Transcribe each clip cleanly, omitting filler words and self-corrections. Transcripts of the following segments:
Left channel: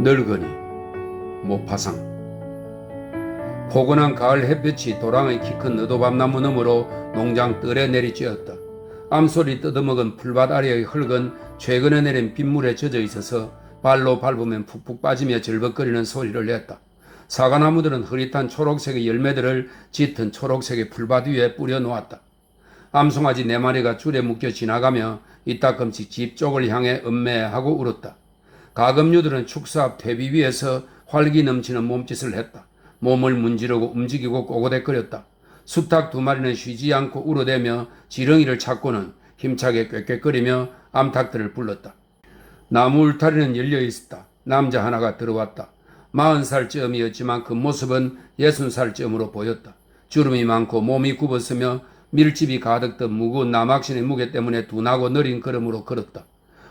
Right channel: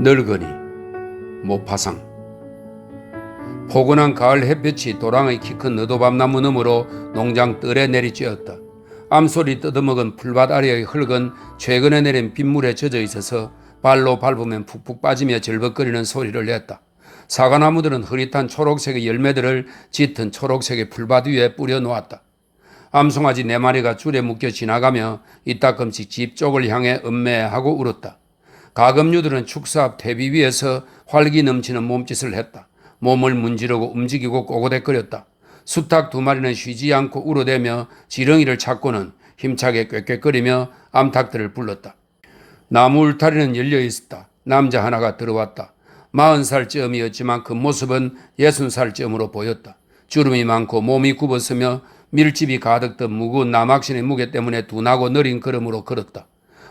늙은이 모파상. 포근한 가을 햇볕이 도랑의 키 큰 너도밤나무 너머로 농장 뜰에 내리쬐었다. 암소리 뜯어먹은 풀밭 아래의 흙은 최근에 내린 빗물에 젖어 있어서 발로 밟으면 푹푹 빠지며 절벅거리는 소리를 냈다. 사과나무들은 흐릿한 초록색의 열매들을 짙은 초록색의 풀밭 위에 뿌려 놓았다. 암송아지 4마리가 줄에 묶여 지나가며 이따금씩 집 쪽을 향해 음매하고 울었다. 가금류들은 축사 앞 퇴비 위에서 활기 넘치는 몸짓을 했다. 몸을 문지르고 움직이고 꼬고대거렸다. 수탉 2마리는 쉬지 않고 울어대며 지렁이를 찾고는 힘차게 꾀꾀거리며 암탉들을 불렀다. 나무 울타리는 열려 있었다. 남자 하나가 들어왔다. 40살쯤이었지만 그 모습은 60살쯤으로 보였다. 주름이 많고 몸이 굽었으며 밀집이 가득 든 무거운 남학신의 무게 때문에 둔하고 느린 걸음으로 걸었다.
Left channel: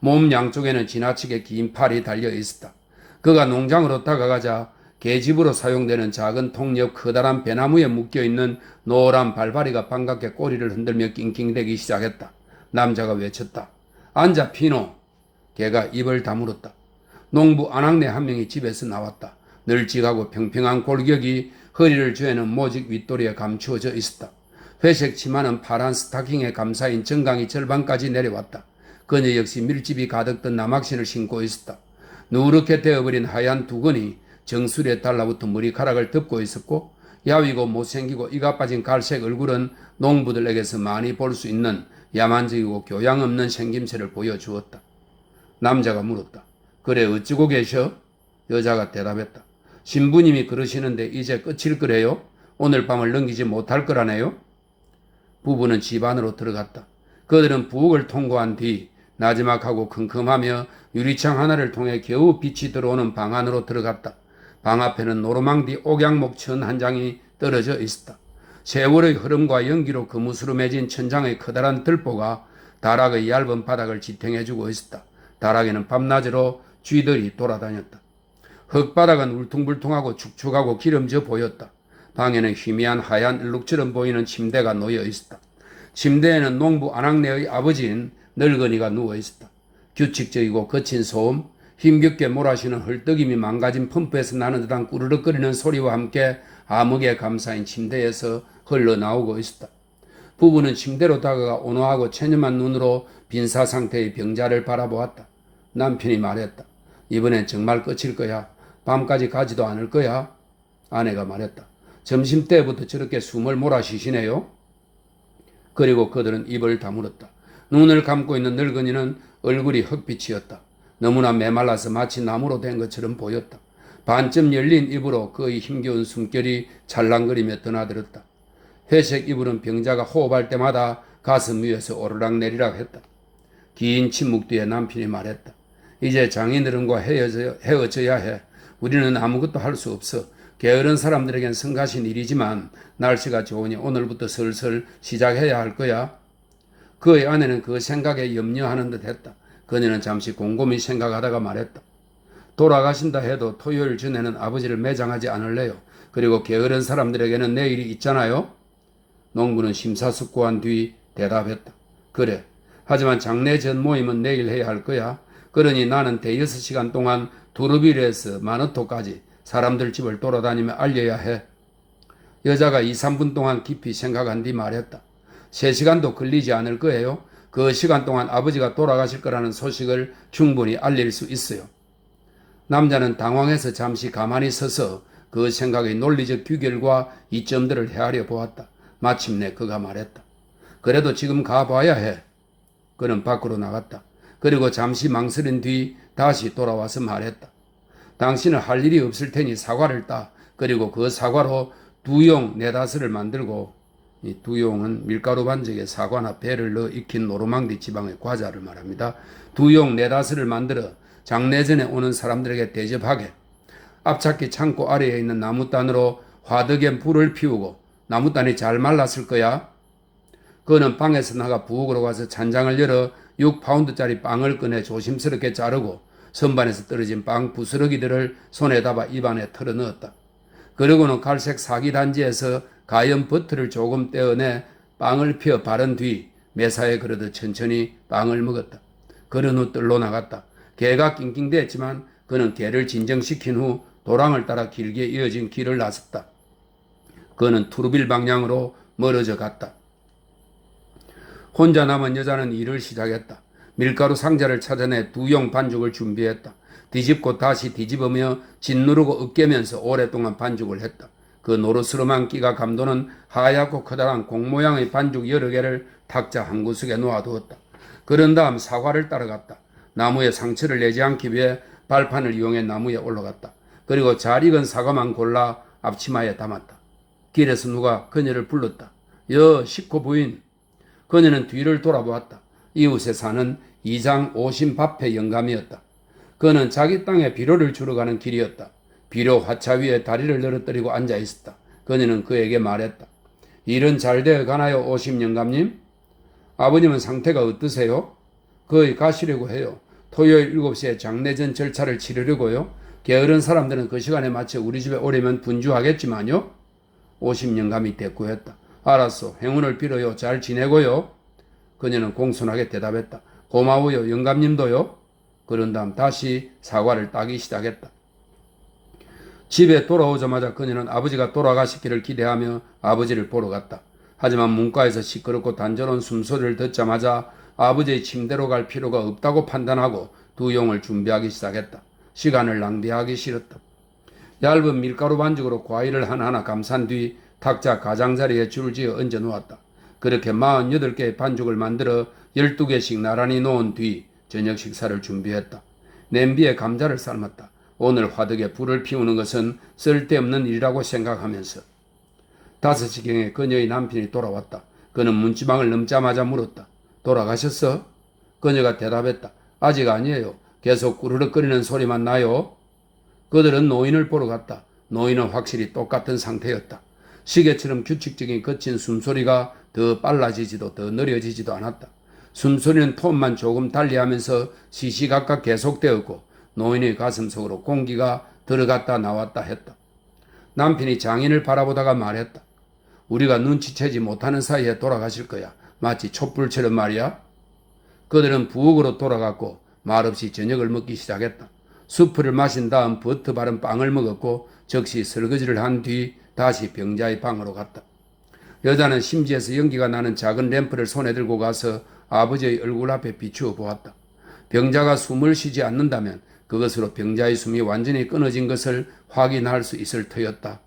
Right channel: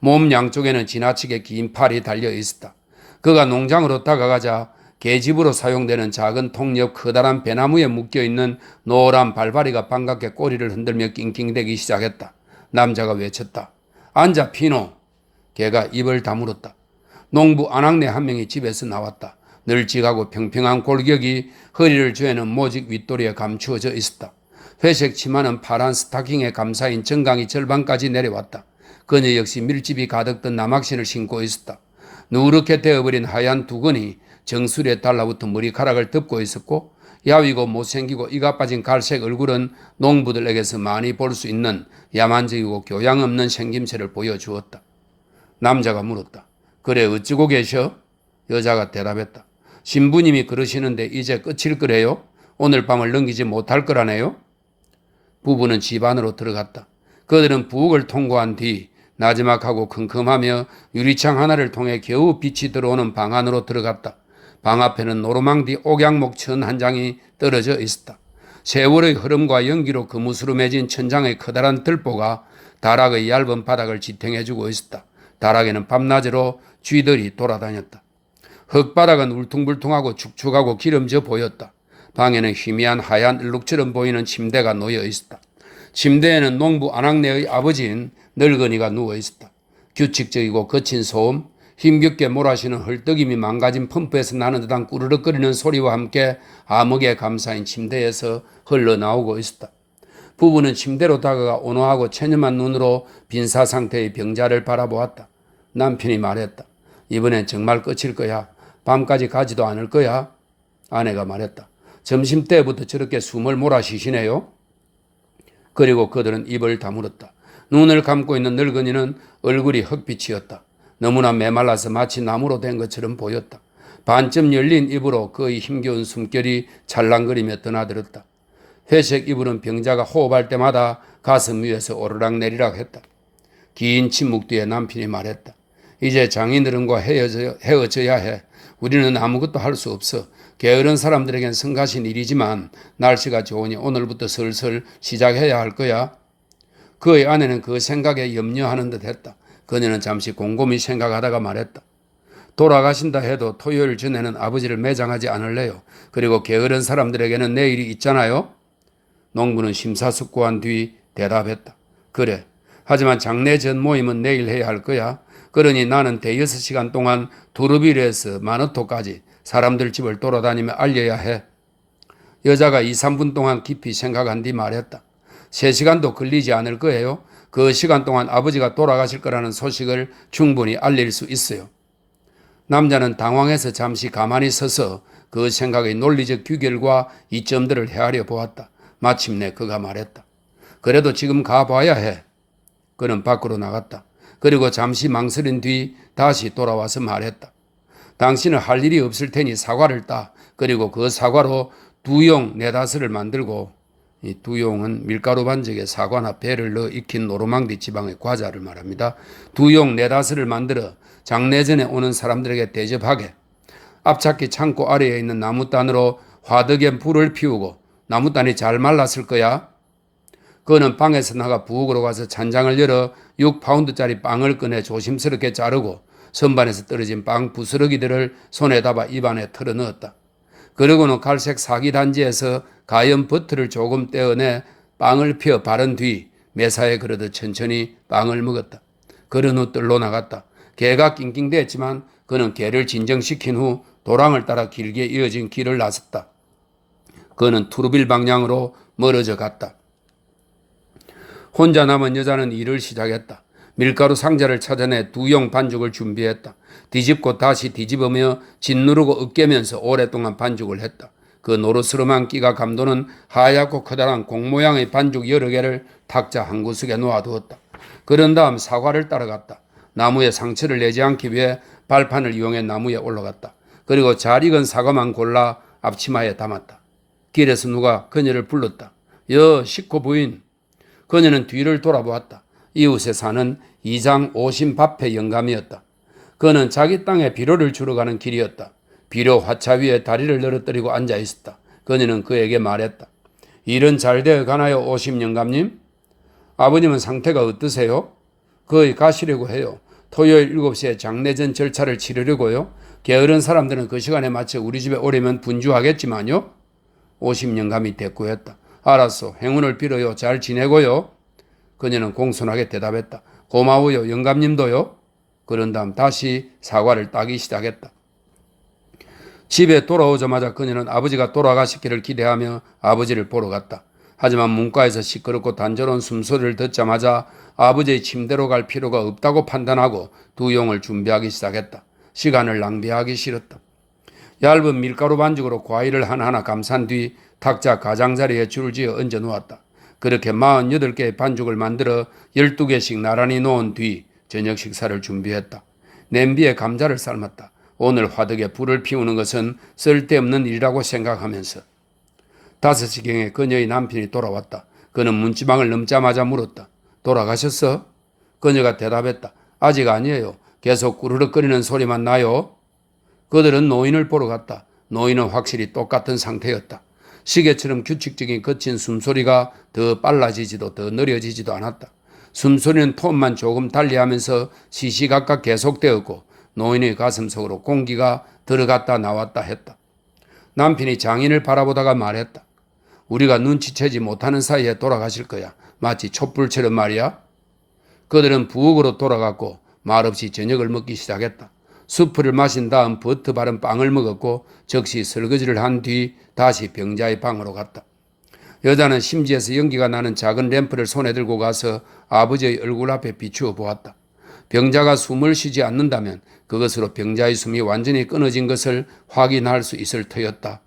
몸 양쪽에는 지나치게 긴 팔이 달려 있었다. 그가 농장으로 다가가자 계집으로 사용되는 작은 통 옆 커다란 배나무에 묶여있는 노란 발바리가 반갑게 꼬리를 흔들며 낑낑대기 시작했다. 남자가 외쳤다. 앉아 피노. 걔가 입을 다물었다. 농부 아낙네 한 명이 집에서 나왔다. 널찍하고 평평한 골격이 허리를 조이는 모직 윗도리에 감추어져 있었다. 회색 치마는 파란 스타킹에 감싸인 정강이 절반까지 내려왔다. 그녀 역시 밀집이 가득 든 남학신을 신고 있었다. 누렇게 되어버린 하얀 두건이 정수리에 달라붙은 머리카락을 덮고 있었고 야위고 못생기고 이가 빠진 갈색 얼굴은 농부들에게서 많이 볼 수 있는 야만적이고 교양 없는 생김새를 보여주었다. 남자가 물었다. 그래 어찌고 계셔? 여자가 대답했다. 신부님이 그러시는데 이제 끝일 거래요? 오늘 밤을 넘기지 못할 거라네요? 부부는 집 안으로 들어갔다. 그들은 부엌을 통과한 뒤 나지막하고 컴컴하며 유리창 하나를 통해 겨우 빛이 들어오는 방 안으로 들어갔다. 방 앞에는 노르망디 옥양목 천 한 장이 떨어져 있었다. 세월의 흐름과 연기로 거무스로 맺은 천장의 커다란 들보가 다락의 얇은 바닥을 지탱해주고 있었다. 다락에는 밤낮으로 쥐들이 돌아다녔다. 흙바닥은 울퉁불퉁하고 축축하고 기름져 보였다. 방에는 희미한 하얀 얼룩처럼 보이는 침대가 놓여 있었다. 침대에는 농부 아낙네의 아버지인 늙은이가 누워 있었다. 규칙적이고 거친 소음, 힘겹게 몰아쉬는 헐떡임이 망가진 펌프에서 나는 듯한 꾸르륵거리는 소리와 함께 암흑에 감싸인 침대에서 흘러나오고 있었다. 부부는 침대로 다가가 온화하고 체념한 눈으로 빈사 상태의 병자를 바라보았다. 남편이 말했다. 이번엔 정말 끝일 거야. 밤까지 가지도 않을 거야. 아내가 말했다. 점심때부터 저렇게 숨을 몰아쉬시네요. 그리고 그들은 입을 다물었다. 눈을 감고 있는 늙은이는 얼굴이 흑빛이었다. 너무나 메말라서 마치 나무로 된 것처럼 보였다. 반쯤 열린 입으로 그의 힘겨운 숨결이 찰랑거리며 드나들었다. 회색 이불은 병자가 호흡할 때마다 가슴 위에서 오르락내리락 했다. 긴 침묵 뒤에 남편이 말했다. 이제 장인어른과 헤어져야 해. 우리는 아무것도 할 수 없어. 게으른 사람들에겐 성가신 일이지만 날씨가 좋으니 오늘부터 슬슬 시작해야 할 거야. 그의 아내는 그 생각에 염려하는 듯 했다. 그녀는 잠시 곰곰이 생각하다가 말했다. 돌아가신다 해도 토요일 전에는 아버지를 매장하지 않을래요. 그리고 게으른 사람들에게는 내일이 있잖아요. 농부는 심사숙고한 뒤 대답했다. 그래. 하지만 장례 전 모임은 내일 해야 할 거야. 그러니 나는 대여섯 시간 동안 두루비르에서 마너토까지 사람들 집을 돌아다니며 알려야 해. 여자가 2, 3분 동안 깊이 생각한 뒤 말했다. 3시간도 걸리지 않을 거예요. 그 시간 동안 아버지가 돌아가실 거라는 소식을 충분히 알릴 수 있어요. 남자는 당황해서 잠시 가만히 서서 그 생각의 논리적 규결과 이점들을 헤아려 보았다. 마침내 그가 말했다. 그래도 지금 가봐야 해. 그는 밖으로 나갔다. 그리고 잠시 망설인 뒤 다시 돌아와서 말했다. 당신은 할 일이 없을 테니 사과를 따. 그리고 그 사과로 두용 4-5을 만들고, 이 두용은 밀가루 반죽에 사과나 배를 넣어 익힌 노르망디 지방의 과자를 말합니다. 두용 4-5을 만들어 장례 전에 오는 사람들에게 대접하게. 앞찾기 창고 아래에 있는 나무단으로 화덕에 불을 피우고 나무단이 잘 말랐을 거야. 그는 방에서 나가 부엌으로 가서 찬장을 열어 6파운드짜리 빵을 꺼내 조심스럽게 자르고 선반에서 떨어진 빵 부스러기들을 손에 담아 입안에 털어넣었다. 그러고는 갈색 사기 단지에서 가염 버터를 조금 떼어내 빵을 펴 바른 뒤 매사에 그러듯 천천히 빵을 먹었다. 그런 후 뜰로 나갔다. 개가 낑낑댔지만 그는 개를 진정시킨 후 도랑을 따라 길게 이어진 길을 나섰다. 그는 투르빌 방향으로 멀어져 갔다. 혼자 남은 여자는 일을 시작했다. 밀가루 상자를 찾아내 2용 반죽을 준비했다. 뒤집고 다시 뒤집으며 짓누르고 으깨면서 오랫동안 반죽을 했다. 그 노르스름한 끼가 감도는 하얗고 커다란 공 모양의 반죽 여러 개를 탁자 한 구석에 놓아두었다. 그런 다음 사과를 따라갔다. 나무에 상처를 내지 않기 위해 발판을 이용해 나무에 올라갔다. 그리고 잘 익은 사과만 골라 앞치마에 담았다. 길에서 누가 그녀를 불렀다. 여 식구 부인. 그녀는 뒤를 돌아보았다. 이웃에 사는 이장 오신밥의 영감이었다. 그는 자기 땅에 비료를 주러 가는 길이었다. 비료 화차 위에 다리를 늘어뜨리고 앉아 있었다. 그녀는 그에게 말했다. 일은 잘 되어 가나요, 오심 영감님? 아버님은 상태가 어떠세요? 거의 가시려고 해요. 토요일 7시에 장례전 절차를 치르려고요. 게으른 사람들은 그 시간에 맞춰 우리 집에 오려면 분주하겠지만요. 오심 영감이 대꾸했다. 알았어. 행운을 빌어요. 잘 지내고요. 그녀는 공손하게 대답했다. 고마워요. 영감님도요. 그런 다음 다시 사과를 따기 시작했다. 집에 돌아오자마자 그녀는 아버지가 돌아가시기를 기대하며 아버지를 보러 갔다. 하지만 문과에서 시끄럽고 단조로운 숨소리를 듣자마자 아버지의 침대로 갈 필요가 없다고 판단하고 2용을 준비하기 시작했다. 시간을 낭비하기 싫었다. 얇은 밀가루 반죽으로 과일을 하나하나 감싼 뒤 탁자 가장자리에 줄을 지어 얹어 놓았다. 그렇게 48개의 반죽을 만들어 12개씩 나란히 놓은 뒤 저녁 식사를 준비했다. 냄비에 감자를 삶았다. 오늘 화덕에 불을 피우는 것은 쓸데없는 일이라고 생각하면서 5시경에 그녀의 남편이 돌아왔다. 그는 문지방을 넘자마자 물었다. 돌아가셨어? 그녀가 대답했다. 아직 아니에요. 계속 꾸르륵거리는 소리만 나요. 그들은 노인을 보러 갔다. 노인은 확실히 똑같은 상태였다. 시계처럼 규칙적인 거친 숨소리가 더 빨라지지도 더 느려지지도 않았다. 숨소리는 톤만 조금 달리하면서 시시각각 계속되었고 노인의 가슴 속으로 공기가 들어갔다 나왔다 했다. 남편이 장인을 바라보다가 말했다. 우리가 눈치채지 못하는 사이에 돌아가실 거야. 마치 촛불처럼 말이야. 그들은 부엌으로 돌아갔고 말없이 저녁을 먹기 시작했다. 수프를 마신 다음 버터 바른 빵을 먹었고 즉시 설거지를 한 뒤 다시 병자의 방으로 갔다. 여자는 심지에서 연기가 나는 작은 램프를 손에 들고 가서 아버지의 얼굴 앞에 비추어 보았다. 병자가 숨을 쉬지 않는다면 그것으로 병자의 숨이 완전히 끊어진 것을 확인할 수 있을 터였다.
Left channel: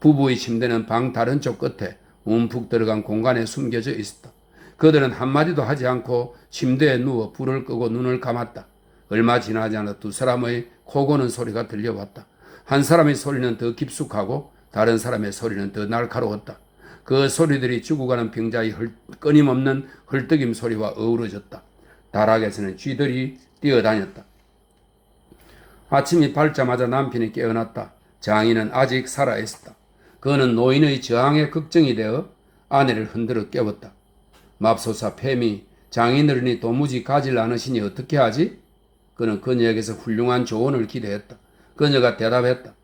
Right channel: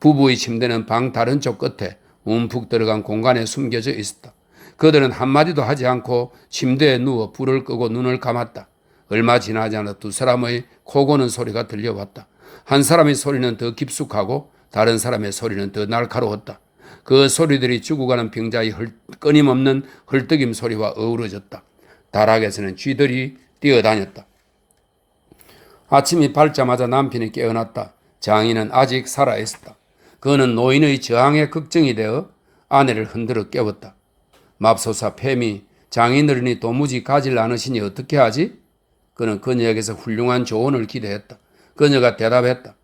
부부의 침대는 방 다른 쪽 끝에 움푹 들어간 공간에 숨겨져 있었다. 그들은 한마디도 하지 않고 침대에 누워 불을 끄고 눈을 감았다. 얼마 지나지 않아 두 사람의 코 고는 소리가 들려왔다. 한 사람의 소리는 더 깊숙하고 다른 사람의 소리는 더 날카로웠다. 그 소리들이 죽어가는 병자의 끊임없는 헐떡임 소리와 어우러졌다. 다락에서는 쥐들이 뛰어다녔다. 아침이 밝자마자 남편이 깨어났다. 장인은 아직 살아있었다. 그는 노인의 저항에 걱정이 되어 아내를 흔들어 깨웠다. 맙소사 폐미, 장인어른이 도무지 가질 않으시니 어떻게 하지? 그는 그녀에게서 훌륭한 조언을 기대했다. 그녀가 대답했다.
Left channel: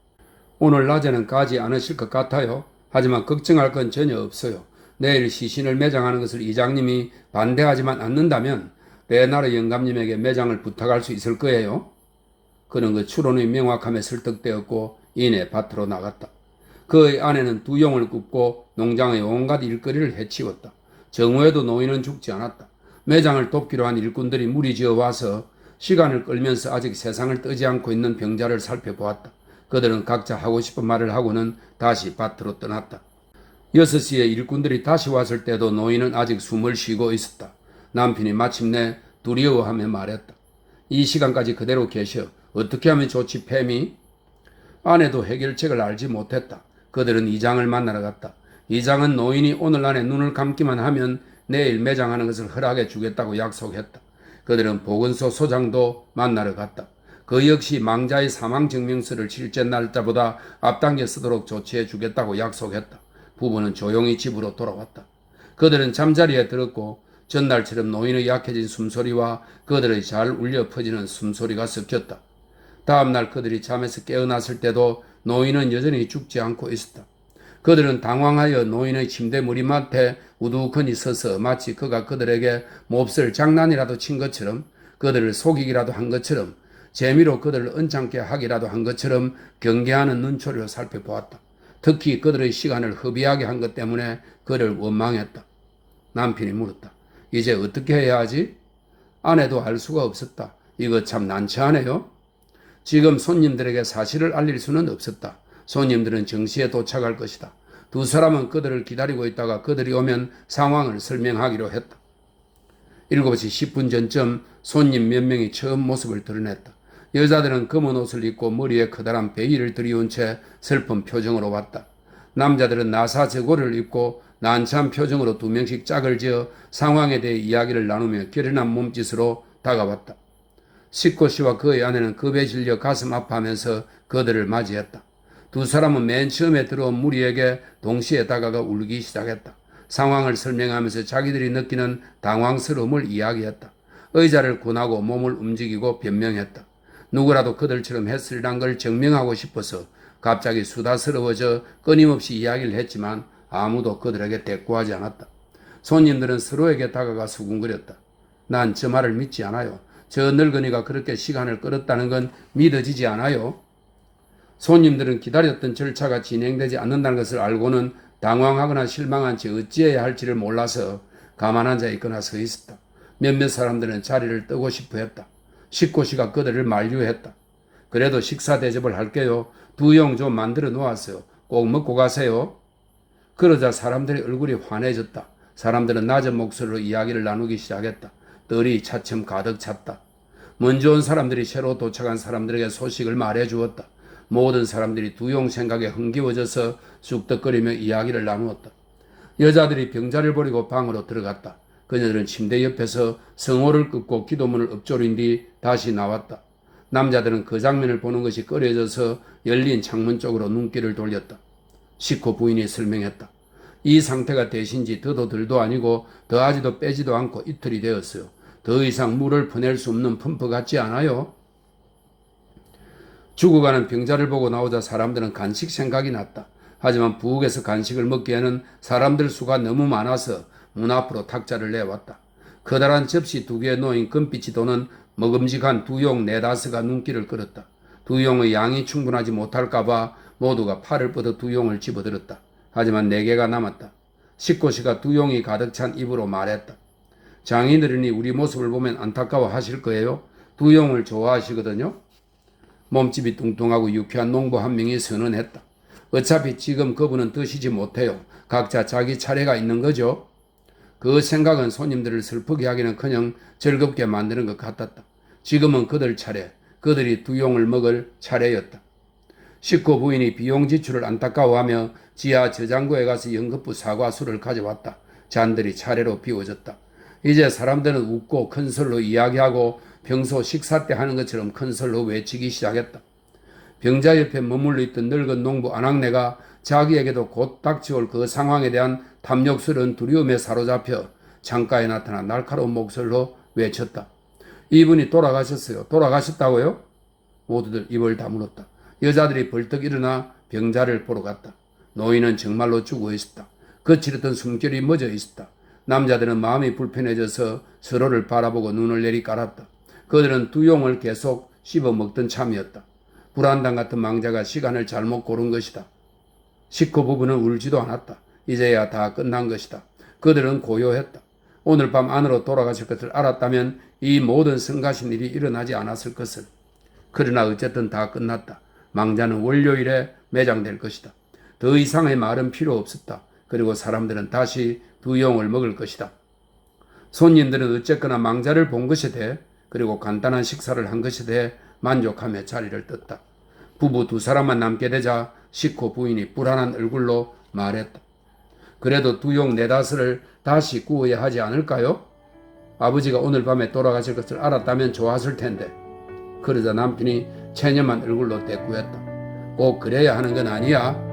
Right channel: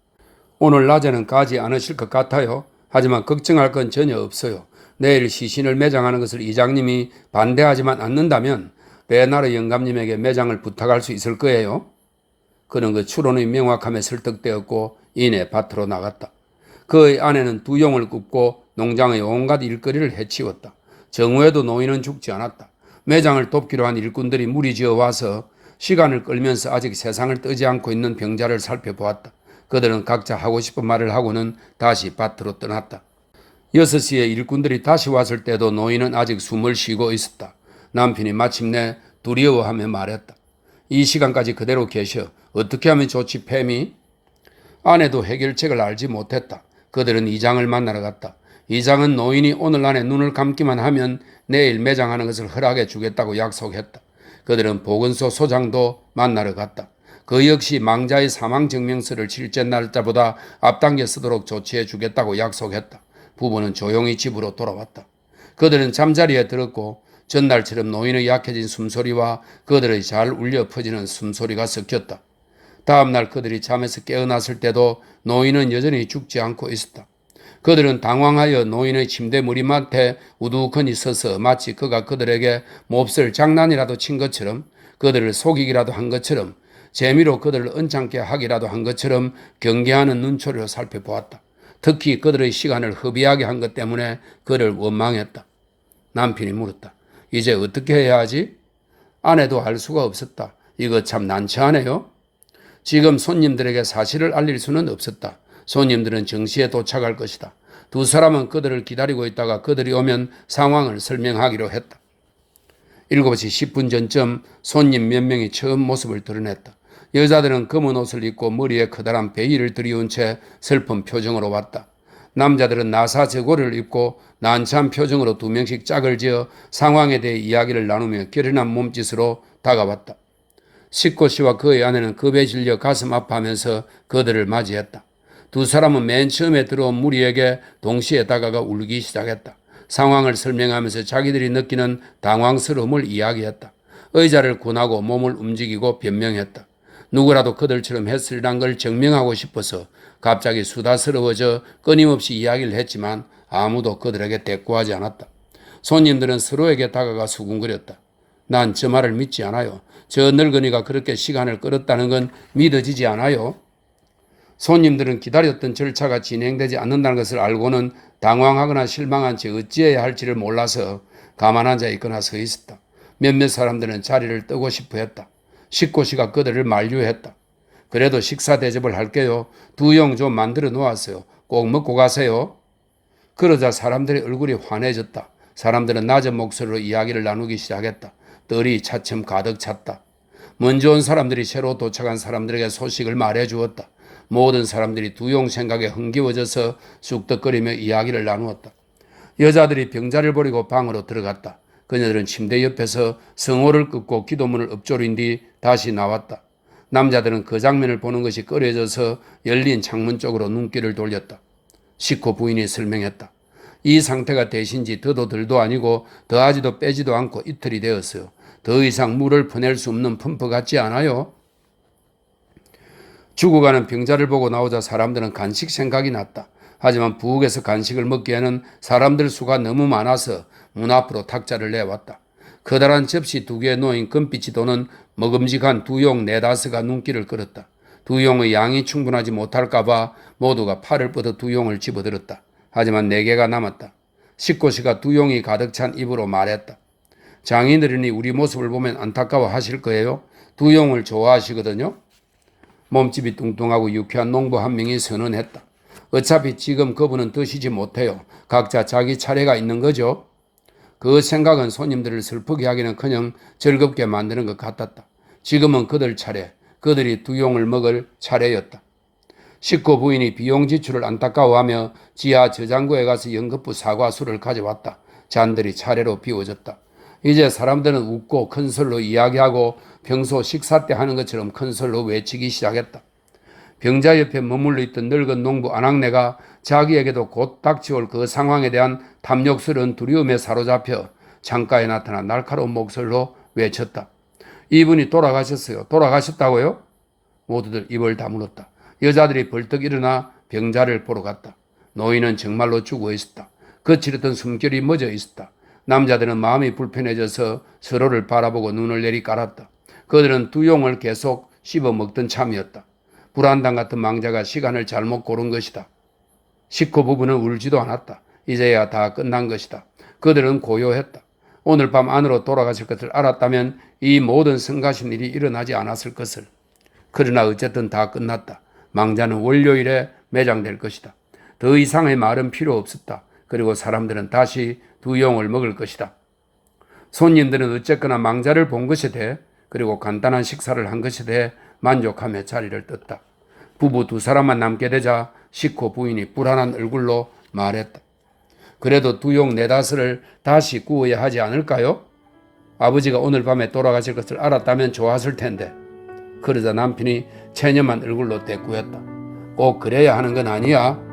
오늘 낮에는 가지 않으실 것 같아요. 하지만 걱정할 건 전혀 없어요. 내일 시신을 매장하는 것을 이장님이 반대하지만 않는다면 레나르 영감님에게 매장을 부탁할 수 있을 거예요. 그는 그 추론의 명확함에 설득되었고 이내 밭으로 나갔다. 그의 아내는 2용을 굽고 농장의 온갖 일거리를 해치웠다. 정오에도 노인은 죽지 않았다. 매장을 돕기로 한 일꾼들이 무리지어 와서 시간을 끌면서 아직 세상을 뜨지 않고 있는 병자를 살펴보았다. 그들은 각자 하고 싶은 말을 하고는 다시 밭으로 떠났다. 6시에 일꾼들이 다시 왔을 때도 노인은 아직 숨을 쉬고 있었다. 남편이 마침내 두려워하며 말했다. 이 시간까지 그대로 계셔. 어떻게 하면 좋지, 팸이? 아내도 해결책을 알지 못했다. 그들은 이장을 만나러 갔다. 이장은 노인이 오늘 안에 눈을 감기만 하면 내일 매장하는 것을 허락해 주겠다고 약속했다. 그들은 보건소 소장도 만나러 갔다. 그 역시 망자의 사망증명서를 실제 날짜보다 앞당겨 쓰도록 조치해 주겠다고 약속했다. 부부는 조용히 집으로 돌아왔다. 그들은 잠자리에 들었고 전날처럼 노인의 약해진 숨소리와 그들의 잘 울려 퍼지는 숨소리가 섞였다. 다음날 그들이 잠에서 깨어났을 때도 노인은 여전히 죽지 않고 있었다. 그들은 당황하여 노인의 침대 머리맡에 우두커니 서서 마치 그가 그들에게 몹쓸 장난이라도 친 것처럼 그들을 속이기라도 한 것처럼 재미로 그들을 언짢게 하기라도 한 것처럼 경계하는 눈초리로 살펴보았다. 특히 그들의 시간을 허비하게 한 것 때문에 그를 원망했다. 남편이 물었다. 이제 어떻게 해야 하지? 아내도 알 수가 없었다. 이거 참 난처하네요. 지금 손님들에게 사실을 알릴 수는 없었다. 손님들은 정시에 도착할 것이다. 두 사람은 그들을 기다리고 있다가 그들이 오면 상황을 설명하기로 했다. 7시 10분 전쯤 손님 몇 명이 처음 모습을 드러냈다. 여자들은 검은 옷을 입고 머리에 커다란 베일을 들이운 채 슬픈 표정으로 왔다. 남자들은 나사저고를 입고 난처한 표정으로 2명씩 짝을 지어 상황에 대해 이야기를 나누며 결연한 몸짓으로 다가왔다. 시코 씨와 그의 아내는 겁에 질려 가슴 아파하면서 그들을 맞이했다. 두 사람은 맨 처음에 들어온 무리에게 동시에 다가가 울기 시작했다. 상황을 설명하면서 자기들이 느끼는 당황스러움을 이야기했다. 의자를 군하고 몸을 움직이고 변명했다. 누구라도 그들처럼 했으리란 걸 증명하고 싶어서 갑자기 수다스러워져 끊임없이 이야기를 했지만 아무도 그들에게 대꾸하지 않았다. 손님들은 서로에게 다가가 수군거렸다. 난 저 말을 믿지 않아요. 저 늙은이가 그렇게 시간을 끌었다는 건 믿어지지 않아요. 손님들은 기다렸던 절차가 진행되지 않는다는 것을 알고는 당황하거나 실망한 채 어찌해야 할지를 몰라서 가만 앉아 있거나 서 있었다. 몇몇 사람들은 자리를 뜨고 싶어 했다. 식구 씨가 그들을 만류했다. 그래도 식사 대접을 할게요. 2용 좀 만들어 놓았어요. 꼭 먹고 가세요. 그러자 사람들의 얼굴이 환해졌다. 사람들은 낮은 목소리로 이야기를 나누기 시작했다. 떨이 차츰 가득 찼다. 먼저 온 사람들이 새로 도착한 사람들에게 소식을 말해 주었다. 모든 사람들이 2용 생각에 흥기워져서 쑥덕거리며 이야기를 나누었다. 여자들이 병자를 버리고 방으로 들어갔다. 그녀들은 침대 옆에서 성호를 끊고 기도문을 읊조린 뒤 다시 나왔다. 남자들은 그 장면을 보는 것이 꺼려져서 열린 창문 쪽으로 눈길을 돌렸다. 시코 부인이 설명했다. 이 상태가 되신지 더도 덜도 아니고 더하지도 빼지도 않고 이틀이 되었어요. 더 이상 물을 퍼낼 수 없는 펌프 같지 않아요? 죽어가는 병자를 보고 나오자 사람들은 간식 생각이 났다. 하지만 부엌에서 간식을 먹기에는 사람들 수가 너무 많아서 문 앞으로 탁자를 내왔다. 커다란 접시 2개에 놓인 금빛이 도는 먹음직한 2용 4~5가 눈길을 끌었다. 2용의 양이 충분하지 못할까봐 모두가 팔을 뻗어 2용을 집어들었다. 하지만 4개가 남았다. 식구 씨가 2용이 가득 찬 입으로 말했다. 장인어른이 우리 모습을 보면 안타까워 하실 거예요. 2용을 좋아하시거든요. 몸집이 뚱뚱하고 유쾌한 농부 한 명이 선언했다. 어차피 지금 그분은 드시지 못해요. 각자 자기 차례가 있는 거죠. 그 생각은 손님들을 슬프게 하기는커녕 즐겁게 만드는 것 같았다. 지금은 그들 차례, 그들이 2용을 먹을 차례였다. 식구 부인이 비용 지출을 안타까워하며 지하 저장고에 가서 연급부 사과수를 가져왔다. 잔들이 차례로 비워졌다. 이제 사람들은 웃고 큰 소리로 이야기하고 평소 식사 때 하는 것처럼 큰 소리로 외치기 시작했다. 병자 옆에 머물러 있던 늙은 농부 안악내가 자기에게도 곧 닥쳐올 그 상황에 대한 탐욕스러운 두려움에 사로잡혀 창가에 나타난 날카로운 목소리로 외쳤다. 이분이 돌아가셨어요. 돌아가셨다고요? 모두들 입을 다물었다. 여자들이 벌떡 일어나 병자를 보러 갔다. 노인은 정말로 죽어 있었다. 거칠었던 숨결이 멎어 있었다. 남자들은 마음이 불편해져서 서로를 바라보고 눈을 내리깔았다. 그들은 2용을 계속 씹어먹던 참이었다. 불안당 같은 망자가 시간을 잘못 고른 것이다. 식구 부부는 울지도 않았다. 이제야 다 끝난 것이다. 그들은 고요했다. 오늘 밤 안으로 돌아가실 것을 알았다면 이 모든 성가신 일이 일어나지 않았을 것을. 그러나 어쨌든 다 끝났다. 망자는 월요일에 매장될 것이다. 더 이상의 말은 필요 없었다. 그리고 사람들은 다시 2용을 먹을 것이다. 손님들은 어쨌거나 망자를 본 것에 대해 그리고 간단한 식사를 한 것에 대해 만족하며 자리를 떴다. 부부 2사람만 남게 되자 식구 부인이 불안한 얼굴로 말했다. 그래도 2용 4~5을 다시 구워야 하지 않을까요? 아버지가 오늘 밤에 돌아가실 것을 알았다면 좋았을 텐데. 그러자 남편이 체념한 얼굴로 대꾸했다. 꼭 그래야 하는 건 아니야.